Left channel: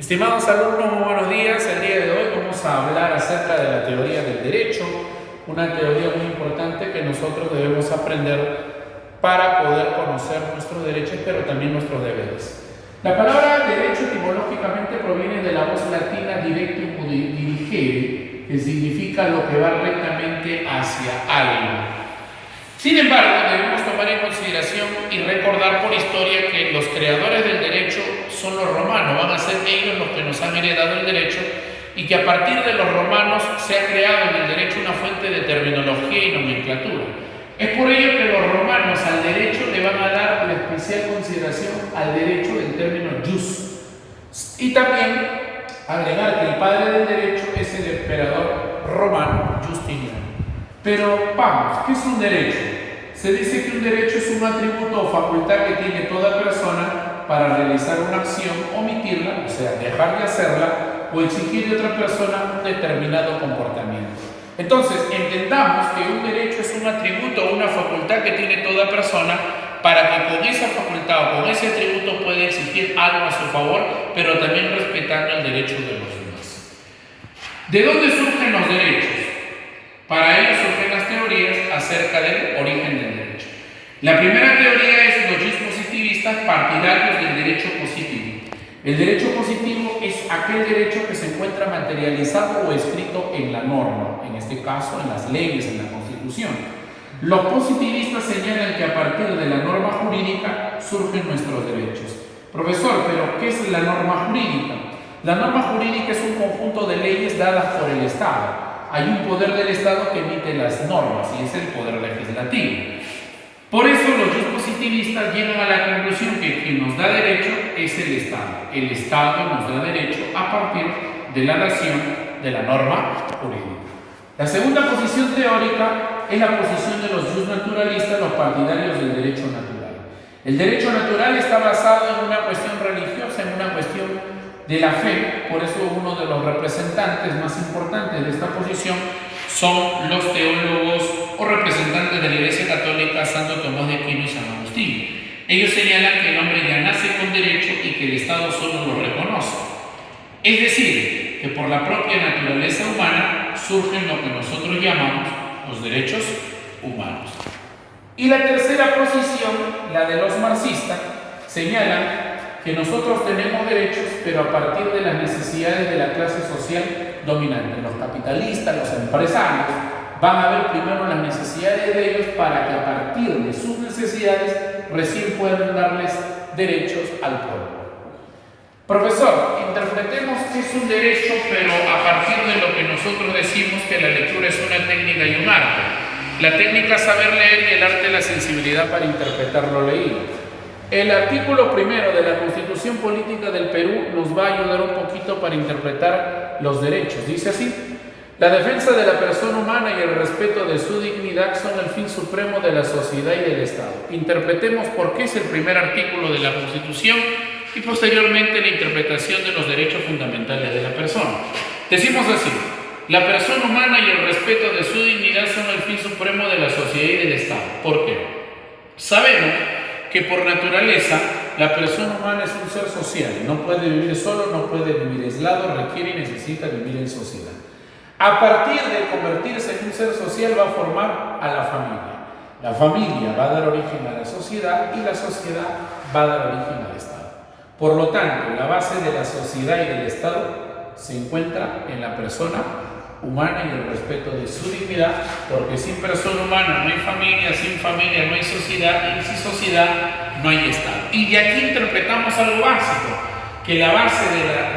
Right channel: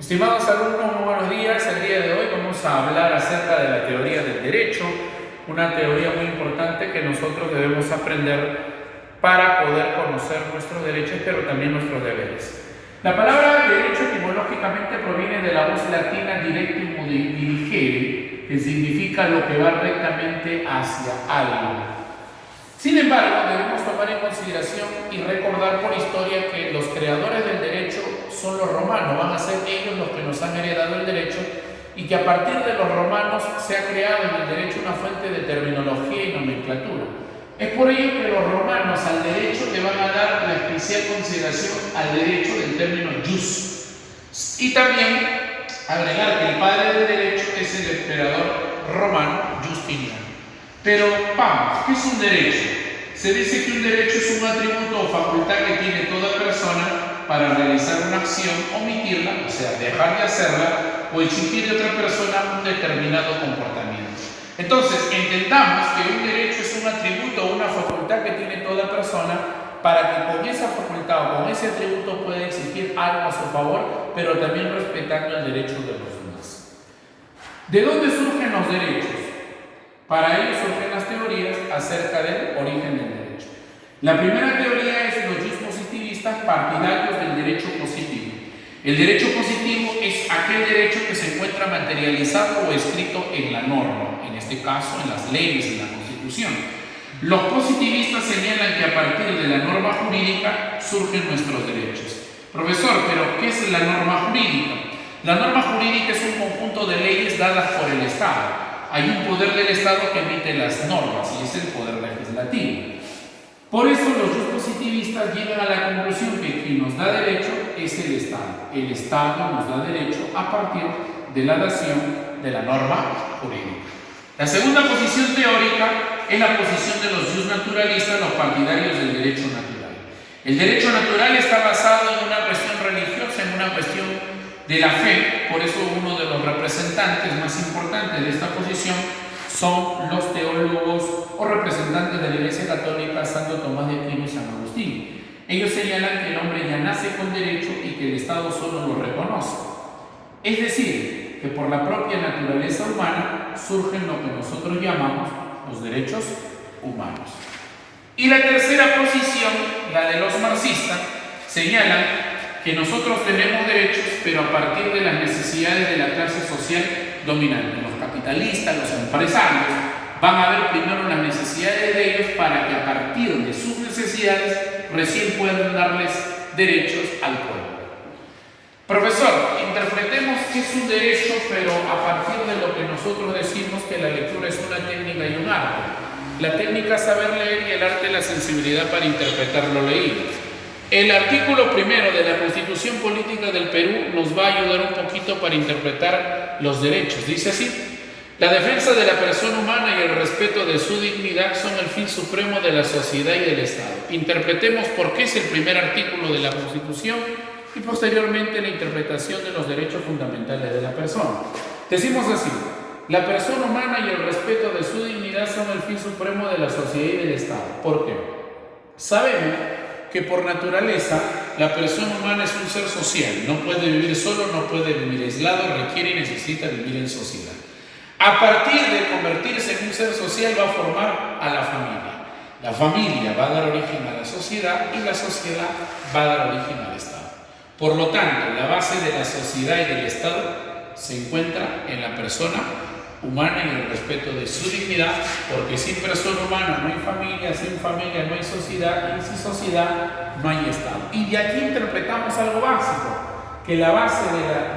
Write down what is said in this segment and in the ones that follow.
Estimados alumnos, muy buenos días. El día de hoy vamos a hablar acerca de la teoría del derecho, una teoría muy importante que nosotros debemos aprender para poder conocer nuestros derechos, pero también nuestros deberes. La palabra derecho etimológicamente proviene de la voz latina directum dirigere, que significa lo que va rectamente hacia algo. Sin embargo, debemos tomar en consideración y recordar por historia que los creadores del derecho son los romanos, van a ser ellos los que nos han heredado el derecho, y que a partir de los romanos se ha creado en el derecho una fuente de terminología y nomenclatura. Es por ello que los romanos al derecho le van a dar la especial consideración al derecho del término jus. Y también agregar que el padre del derecho es el emperador romano Justiniano. Pero vamos, ¿qué es un derecho? Se dice que un derecho es un atributo o facultad que tiene toda persona para realizar una acción, omitirla, o sea, dejar de hacerla, o exigir de otra persona un determinado comportamiento. Entonces, entendamos que un derecho es un atributo o una facultad que tiene toda persona para que con esa facultad o con ese atributo pueda exigir algo a su favor, pero también respetando el derecho de los demás. ¿De dónde surgen los derechos? Para ello surgen las teorías acerca del origen del derecho. La primera teoría es los jus positivistas, partidarios del derecho positivo. El derecho positivo es aquel derecho que se encuentra materializado o escrito en la norma, en este caso en las leyes, en la Constitución. Los positivistas señalan que a partir de la norma jurídica surgen nuestros derechos. Profesor, ¿pero qué es la norma jurídica? La norma jurídica es un conjunto de leyes dadas por el Estado. Hay un poder del Estado que emite las normas y es el poder legislativo. Por eso los jus positivistas llegan a la conclusión que quien nos da derecho es el Estado. El Estado nos da derecho a partir de la dación de la norma jurídica. La segunda posición teórica es la posición de los jus naturalistas, los partidarios del derecho natural. El derecho natural está basado en una cuestión religiosa, en una cuestión de la fe. Por eso uno de los representantes más importantes de esta posición son los teólogos o representantes de la Iglesia Católica, Santo Tomás de Aquino y San Agustín. Ellos señalan que el hombre ya nace con derecho y que el Estado solo lo reconoce. Es decir, que por la propia naturaleza humana surgen lo que nosotros llamamos los derechos humanos. Y la tercera posición, la de los marxistas, señalan que nosotros tenemos derechos, pero a partir de las necesidades de la clase social dominante. Los capitalistas, los empresarios, van a ver primero las necesidades de ellos para que a partir de sus necesidades recién puedan darles derechos al pueblo. Profesor, interpretemos qué es un derecho, pero a partir de lo que nosotros decimos que la lectura es una técnica y un arte. La técnica es saber leer y el arte la sensibilidad para interpretar lo leído. El artículo primero de la Constitución Política del Perú nos va a ayudar un poquito para interpretar los derechos. Dice así: la defensa de la persona humana y el respeto de su dignidad son el fin supremo de la sociedad y del Estado. Interpretemos por qué es el primer artículo de la Constitución y posteriormente la interpretación de los derechos fundamentales de la persona. Decimos así: la persona humana y el respeto de su dignidad son el fin supremo de la sociedad y del Estado. ¿Por qué? Sabemos que por naturaleza la persona humana es un ser social, no puede vivir solo, no puede vivir aislado, requiere y necesita vivir en sociedad. A partir de convertirse en un ser social va a formar a la familia. La familia va a dar origen a la sociedad y la sociedad va a dar origen al Estado. Por lo tanto, la base de la sociedad y del Estado se encuentra en la persona humana y el respeto de su dignidad, porque sin persona humana no hay familia, sin familia no hay sociedad y sin sociedad no hay Estado. Y de aquí interpretamos algo básico, que la base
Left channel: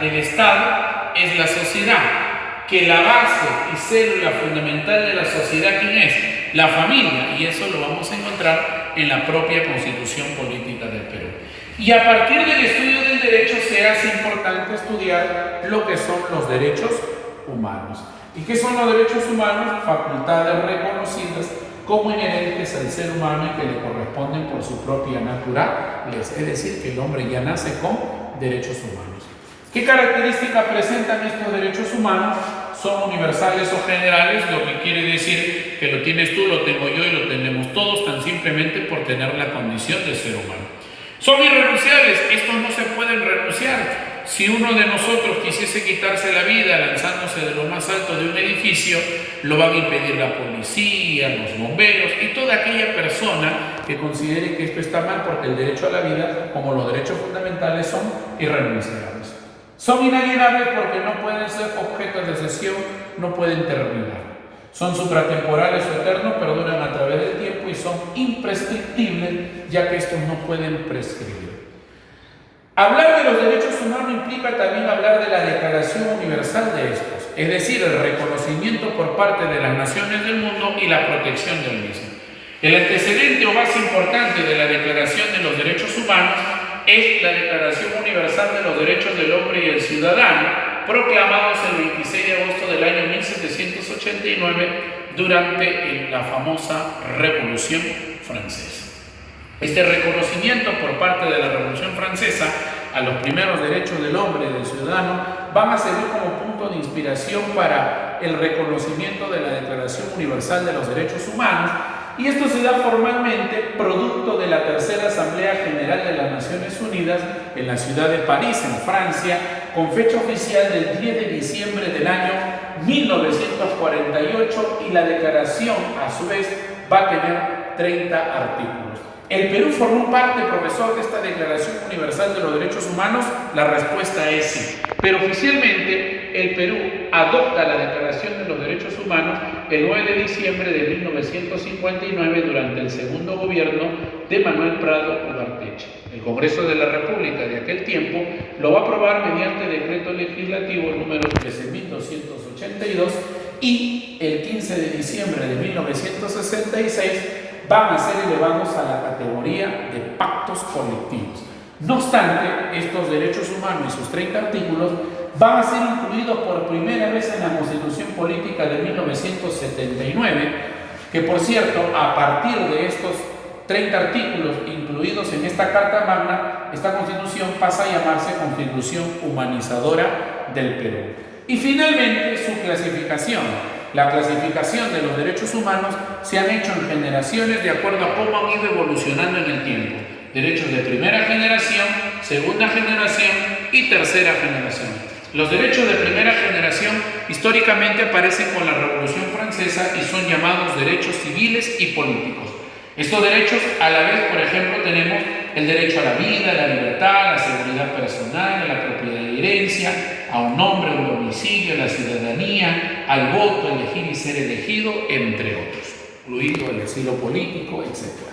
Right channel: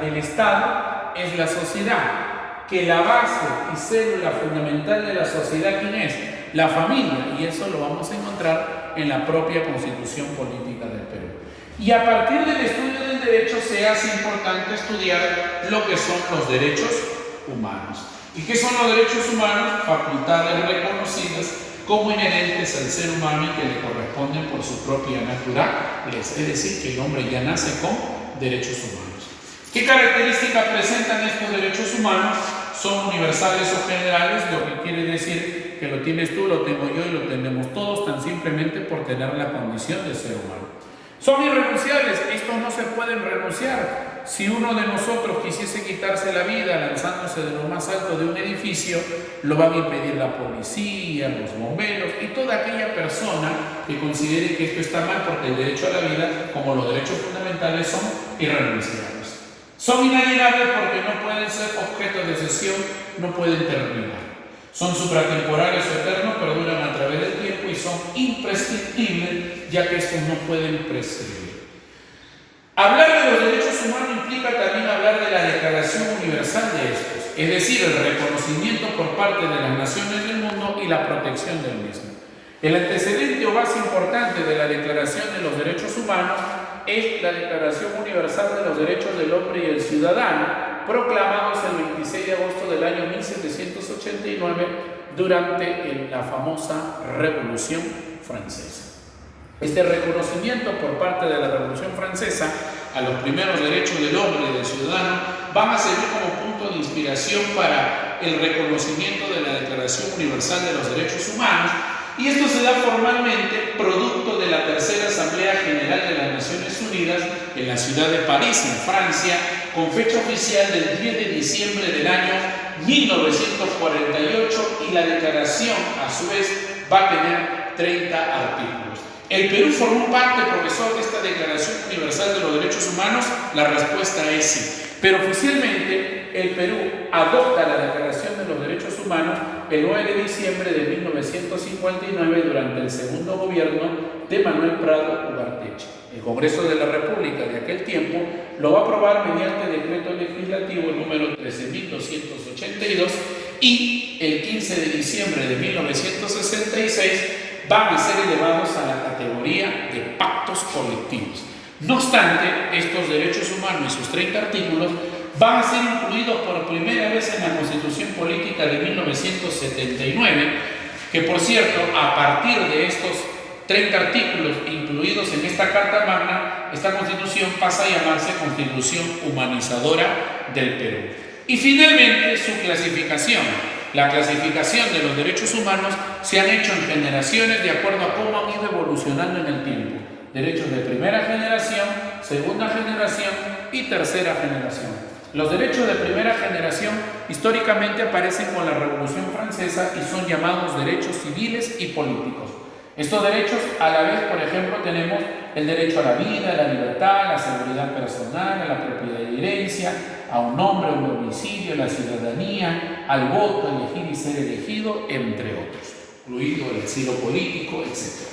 del Estado es la sociedad, que la base y célula fundamental de la sociedad, ¿quién es? La familia, y eso lo vamos a encontrar en la propia Constitución Política del Perú. Y a partir del estudio del derecho se hace importante estudiar lo que son los derechos humanos. ¿Y qué son los derechos humanos? Facultades reconocidas como inherentes al ser humano y que le corresponden por su propia naturaleza. Es decir, que el hombre ya nace con derechos humanos. ¿Qué características presentan estos derechos humanos? Son universales o generales, lo que quiere decir que lo tienes tú, lo tengo yo y lo tenemos todos, tan simplemente por tener la condición de ser humano. Son irrenunciables, estos no se pueden renunciar. Si uno de nosotros quisiese quitarse la vida lanzándose de lo más alto de un edificio, lo van a impedir la policía, los bomberos y toda aquella persona que considere que esto está mal, porque el derecho a la vida, como los derechos fundamentales, son irrenunciables. Son inalienables porque no pueden ser objeto de cesión, no pueden terminar. Son supratemporales o eternos, perduran a través del tiempo y son imprescriptibles, ya que estos no pueden prescribir. Hablar de los derechos humanos implica también hablar de la Declaración Universal de estos, es decir, el reconocimiento por parte de las naciones del mundo y la protección del mismo. El antecedente o base importante de la Declaración de los Derechos Humanos es la Declaración Universal de los Derechos del Hombre y el Ciudadano, proclamados el 26 de agosto del año 1789 durante la famosa Revolución Francesa. Este reconocimiento por parte de la Revolución Francesa a los primeros derechos del hombre y del ciudadano van a servir como punto de inspiración para el reconocimiento de la Declaración Universal de los Derechos Humanos, y esto se da formalmente producto de la Tercera Asamblea General de las Naciones Unidas en la ciudad de París, en Francia, con fecha oficial del 10 de diciembre del año 1948, y la declaración a su vez va a tener 30 artículos. ¿El Perú formó parte, profesor, de esta Declaración Universal de los Derechos Humanos? La respuesta es sí. Pero oficialmente el Perú adopta la Declaración de los Derechos Humanos el 9 de diciembre de 1959 durante el segundo gobierno de Manuel Prado Ugarteche. El Congreso de la República de aquel tiempo lo va a aprobar mediante decreto legislativo número 13.282 y el 15 de diciembre de 1966 van a ser elevados a la categoría de pactos colectivos. No obstante, estos derechos humanos y sus 30 artículos van a ser incluidos por primera vez en la Constitución Política de 1979, que por cierto, a partir de estos 30 artículos incluidos en esta Carta Magna, esta Constitución pasa a llamarse Constitución Humanizadora del Perú. Y finalmente, su clasificación. La clasificación de los derechos humanos se han hecho en generaciones de acuerdo a cómo han ido evolucionando en el tiempo. Derechos de primera generación, segunda generación y tercera generación. Los derechos de primera generación históricamente aparecen con la Revolución Francesa y son llamados derechos civiles y políticos. Estos derechos, a la vez, por ejemplo, tenemos el derecho a la vida, a la libertad, a la seguridad personal, a la propiedad y herencia, a un nombre, a un domicilio, a la ciudadanía, al voto, elegir y ser elegido, entre otros, incluido el asilo político, etc.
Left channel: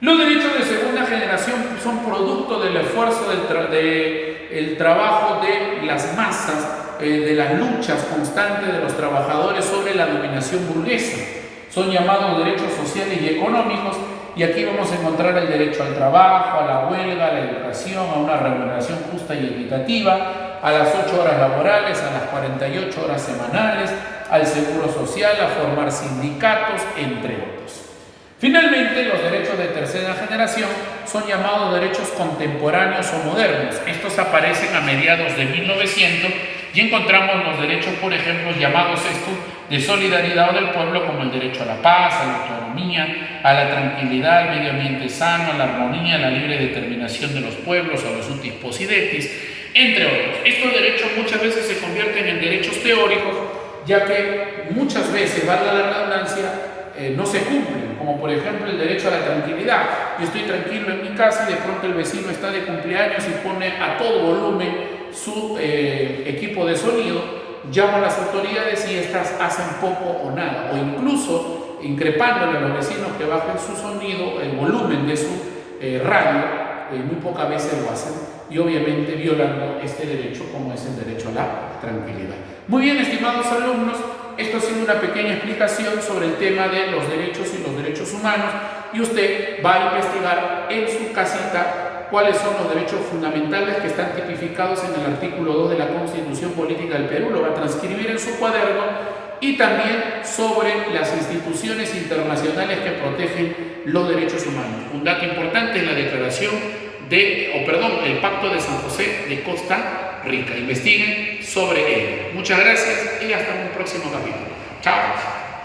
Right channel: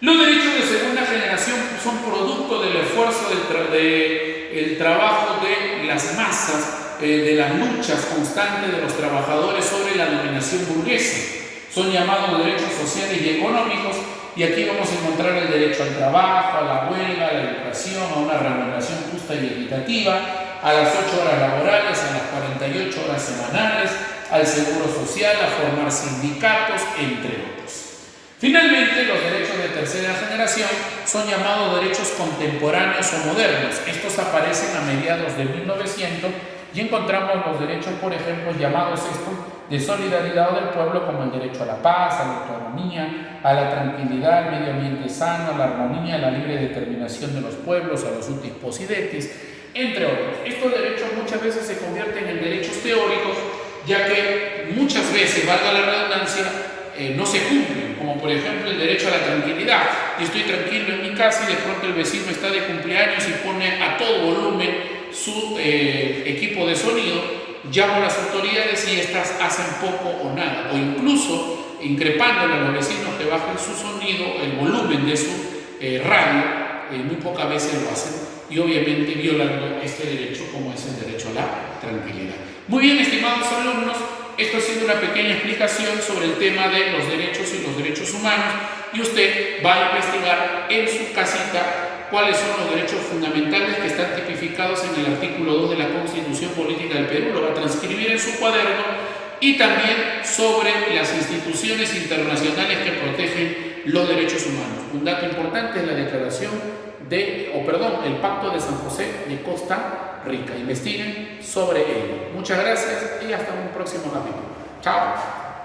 Los derechos de segunda generación son producto del esfuerzo del trabajo de las masas, de las luchas constantes de los trabajadores sobre la dominación burguesa. Son llamados derechos sociales y económicos, y aquí vamos a encontrar el derecho al trabajo, a la huelga, a la educación, a una remuneración justa y equitativa, a las 8 horas laborales, a las 48 horas semanales, al seguro social, a formar sindicatos, entre otros. Finalmente, los derechos de tercera generación son llamados derechos contemporáneos o modernos. Estos aparecen a mediados de 1900 y encontramos los derechos, por ejemplo, llamados estos de solidaridad del pueblo, como el derecho a la paz, a la autonomía, a la tranquilidad, al medio ambiente sano, a la armonía, a la libre determinación de los pueblos, a los utis possidetis, entre otros. Estos derechos muchas veces se convierten en derechos teóricos, ya que muchas veces, valga la redundancia, no se cumplen, como por ejemplo el derecho a la tranquilidad. Yo estoy tranquilo en mi casa y de pronto el vecino está de cumpleaños y pone a todo volumen su equipo de sonido. Llamo a las autoridades y estas hacen poco o nada, o incluso increpándole a los vecinos que bajen su sonido, el volumen de su radio, muy pocas veces lo hacen, y obviamente violando este derecho, como es el derecho a la tranquilidad. Muy bien, estimados alumnos, esto ha sido una pequeña explicación sobre el tema de los derechos y los derechos humanos, y usted va a investigar en su casita cuáles son los derechos fundamentales que están tipificados en el artículo 2 de la Constitución Política del Perú, lo va a transcribir en su cuaderno, y también sobre las instituciones internacionales que protegen los derechos humanos. Un dato importante es la declaración el Pacto de San José de Costa Rica. Investiguen sobre ello. Muchas gracias y hasta un próximo capítulo. Chao.